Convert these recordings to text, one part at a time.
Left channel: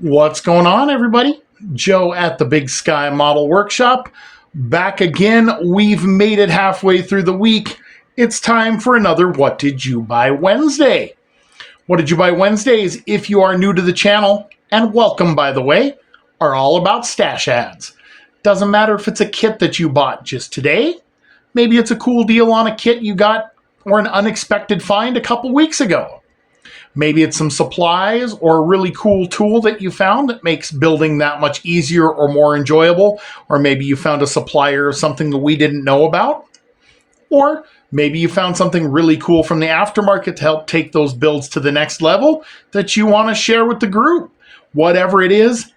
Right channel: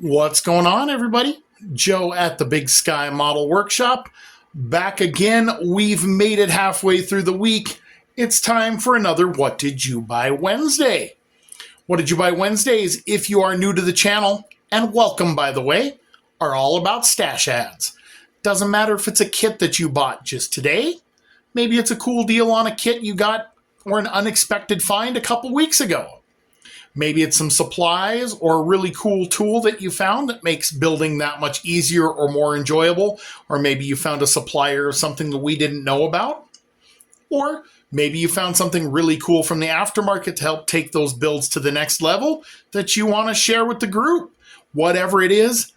What's going on, everybody? Joe at the Big Sky Model Workshop. Back again. We've made it halfway through the week. It's time for another What Did You Buy Wednesday? What Did You Buy Wednesdays, if you are new to the channel, and welcome, by the way, are all about stash ads. Doesn't matter if it's a kit that you bought just today. Maybe it's a cool deal on a kit you got or an unexpected find a couple weeks ago. Maybe it's some supplies or a really cool tool that you found that makes building that much easier or more enjoyable. Or maybe you found a supplier of something that we didn't know about. Or maybe you found something really cool from the aftermarket to help take those builds to the next level that you want to share with the group. Whatever it is,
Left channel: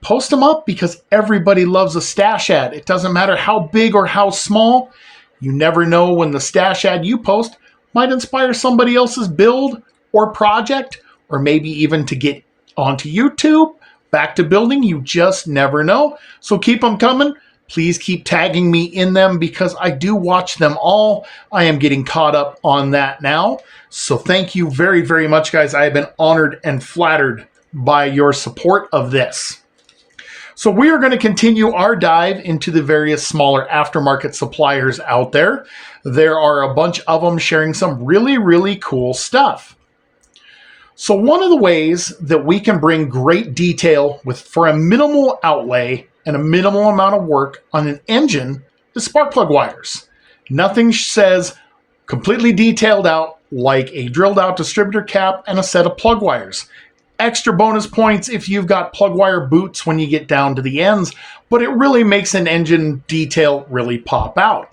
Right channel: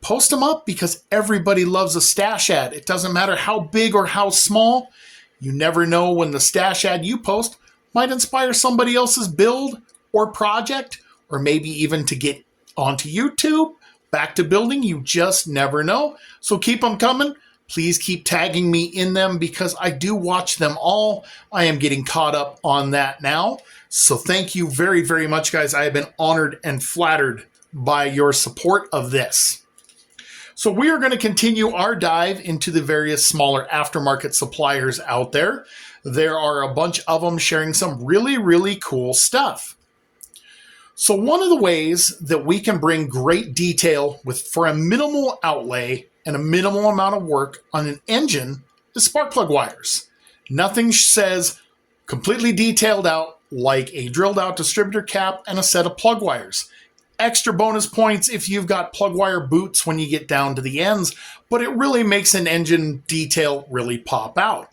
post them up because everybody loves a stash ad. It doesn't matter how big or how small. You never know when the stash ad you post might inspire somebody else's build or project, or maybe even to get onto YouTube, back to building. You just never know. So keep them coming. Please keep tagging me in them because I do watch them all. I am getting caught up on that now. So thank you very, very much, guys. I have been honored and flattered by your support of this. So we are going to continue our dive into the various smaller aftermarket suppliers out there. There are a bunch of them sharing some really, really cool stuff. So one of the ways that we can bring great detail for a minimal outlay and a minimal amount of work on an engine is spark plug wires. Nothing says completely detailed out like a drilled out distributor cap and a set of plug wires. Extra bonus points if you've got plug wire boots when you get down to the ends, but it really makes an engine detail really pop out.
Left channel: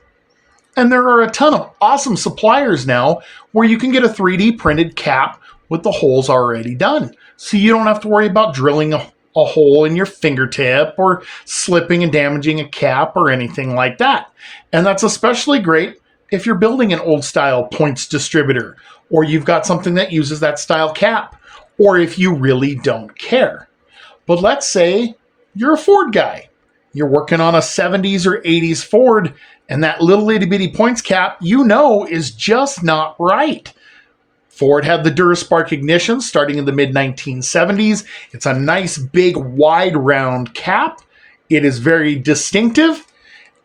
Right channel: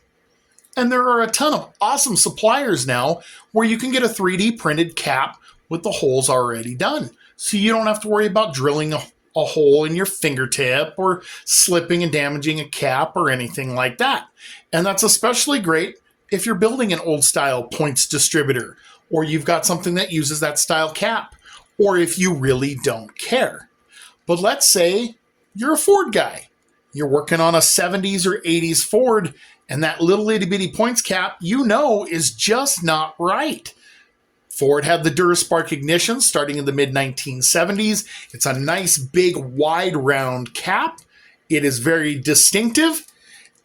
And there are a ton of awesome suppliers now where you can get a 3D printed cap with the holes already done. So you don't have to worry about drilling a hole in your fingertip or slipping and damaging a cap or anything like that. And that's especially great if you're building an old style points distributor, or you've got something that uses that style cap, or if you really don't care. But let's say you're a Ford guy. You're working on a 70s or 80s Ford, and that little itty bitty points cap, is just not right. Ford had the DuraSpark ignition starting in the mid-1970s. It's a nice, big, wide, round cap. It is very distinctive,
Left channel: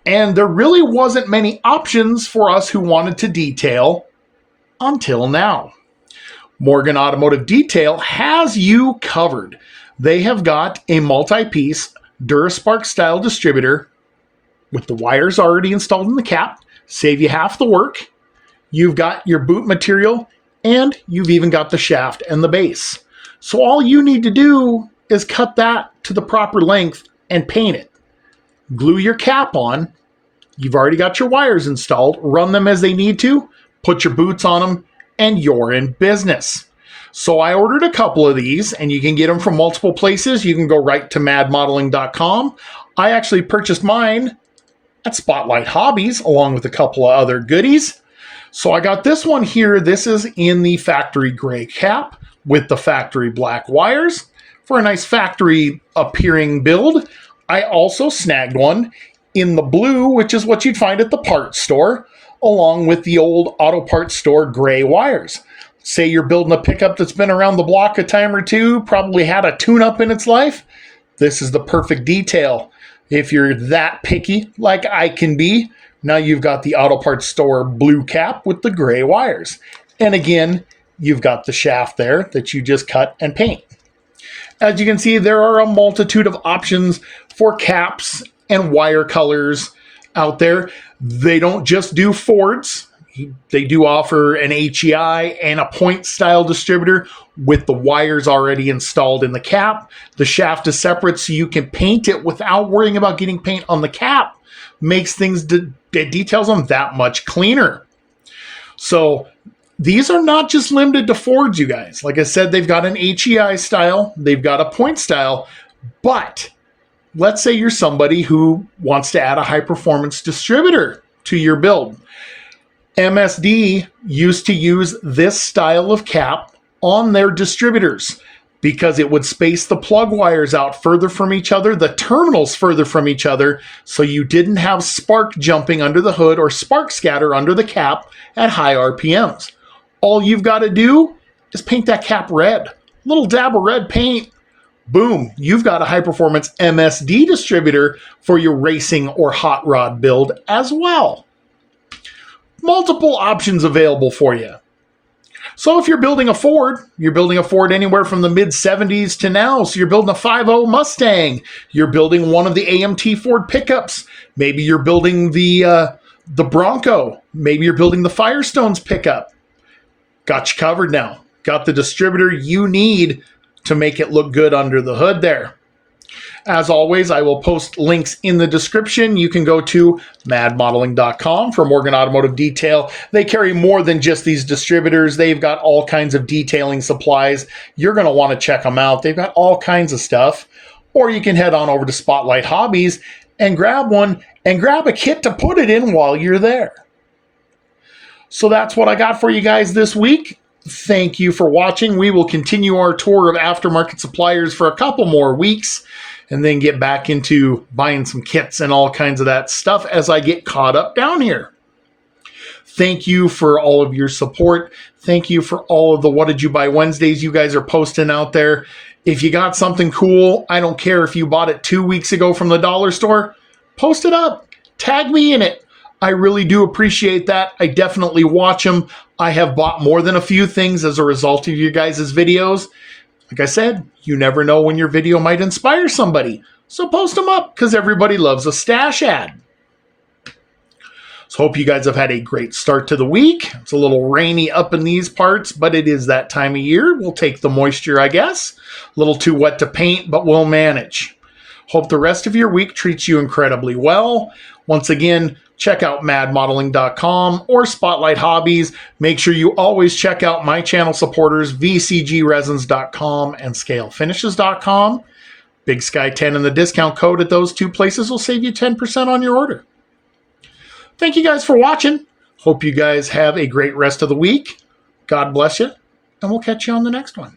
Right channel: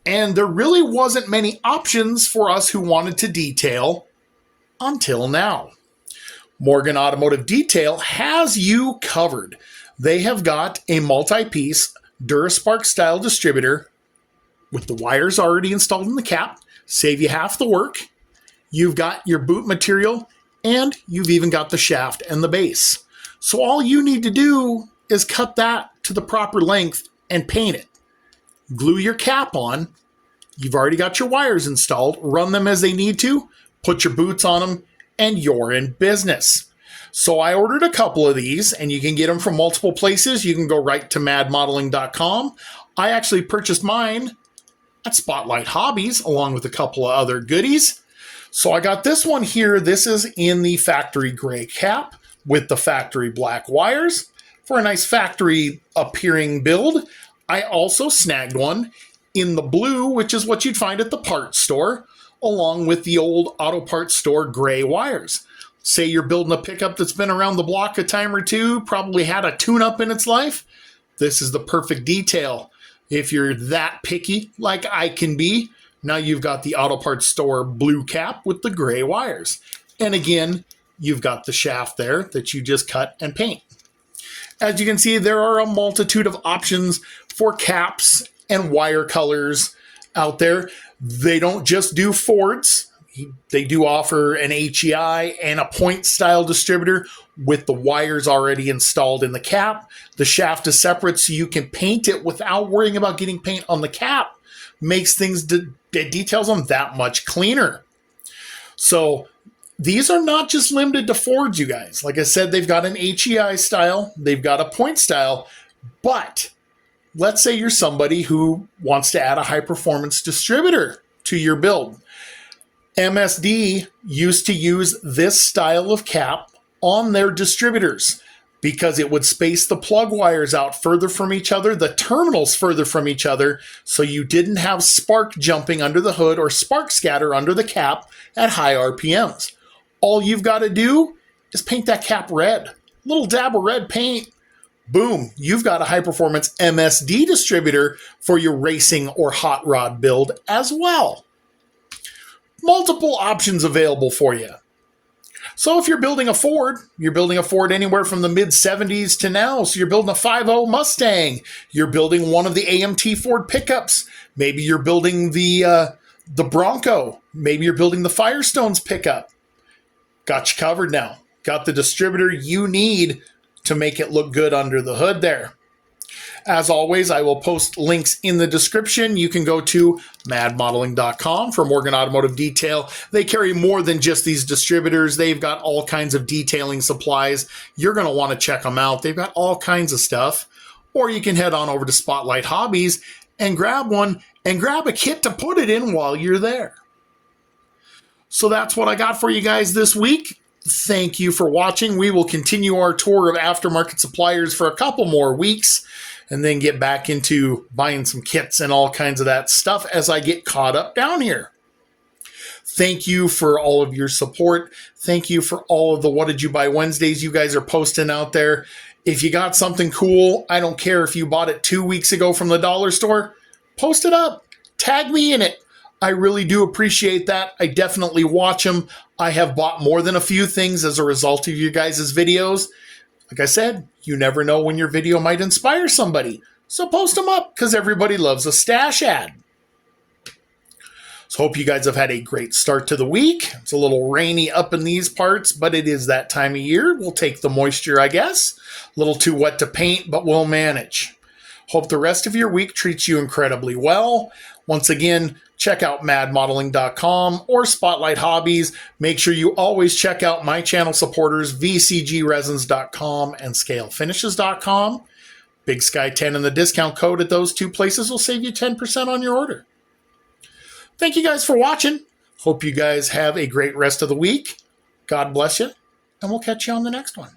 and there really wasn't many options for us who wanted to detail until now. Morgan Automotive Detail has you covered. They have got a multi-piece DuraSpark style distributor with the wires already installed in the cap, save you half the work. You've got your boot material, and you've even got the shaft and the base. So all you need to do is cut that to the proper length and paint it. Glue your cap on. You've already got your wires installed. Run them as they need to. Put your boots on them, and you're in business. So I ordered a couple of these, and you can get them from multiple places. You can go right to madmodeling.com. I actually purchased mine at Spotlight Hobbies, along with a couple of other goodies. So I got this one here. This is in the factory gray cap with the factory black wires for a nice factory appearing build. I also snagged one in the blue, which is what you'd find at the parts store, along with the old auto parts store gray wires. Say you're building a pickup that's been around the block a time or two, probably had a tune-up in its life. This is the perfect detail. If you're that picky like I can be, now you've got the auto parts store blue cap with the gray wires. And again, you've got the shaft there that you just cut and paint. As you can see, there are a multitude of options for caps and wire colors out there. They don't just do Fords. They do offer an HEI and a point style distributor with the wires already installed in the cap. The shaft is separate so you can paint it without worrying about getting paint on the cap. Makes things, it details them that much cleaner. So these are not just limited to Fords, you guys. Like I said, they've got an HEI style, they've got a point style, but let's say you're somebody who wants to add a high performance distributor to your build. MSD used to use this style of cap on their distributors because it would space the plug wires out further from each other, the terminals further from each other, so you didn't have spark jumping under the hood or spark scatter under the cap at high RPMs. All you've got to do is paint that cap red. A little dab of red paint Boom, you've got a high-performance MSD distributor for your racing or hot rod build as well. Multiple options available for you. So if you're building a Ford anywhere from the mid-70s to now. So you're building a 5.0 Mustang. You're building one of the AMT Ford pickups. Maybe you're building the Bronco. Maybe you're building the Firestone's pickup. Got you covered now. Got the distributor you need to make it look good under the hood there. As always, I will post links in the description. You can go to madmodeling.com for Morgan Automotive Detail. They carry more than just these distributors. They've got all kinds of detailing supplies. You're going to want to check them out. They've got all kinds of stuff. Or you can head on over to Spotlight Hobbies and grab one and grab a kit to put it in while you're there. So that's what I got for you guys this week. Thank you for watching. We will continue our tour of aftermarket suppliers for a couple more weeks and then get back into buying some kits and all kinds of that stuff as I get caught up down here. Thank you for all of your support. Thank you for all of the What Did You Buy Wednesdays you guys are posting out there. If you got something cool, I don't care if you bought it 2 weeks ago from the dollar store, post it up. Tag me in it. I really do appreciate that. I definitely watch them. I have bought more than a few things as a result of you guys' videos. Like I said, you never know when your video might inspire somebody. So post them up because everybody loves a stash ad. So hope you guys have had a great start to the week. It's a little rainy up in these parts, but it is that time of year. We'll take the moisture, I guess. A little too wet to paint, but we'll manage. Hope the rest of your week treats you incredibly well. Once again, check out madmodeling.com or Spotlight Hobbies. Make sure you always check out my channel supporters, vcgresins.com and scalefinishes.com. Big Sky 10 and the discount code at those two places will save you 10% on your order. Thank you guys for watching. Hope you guys have a great rest of the week. God bless you, and we'll catch you on the next one.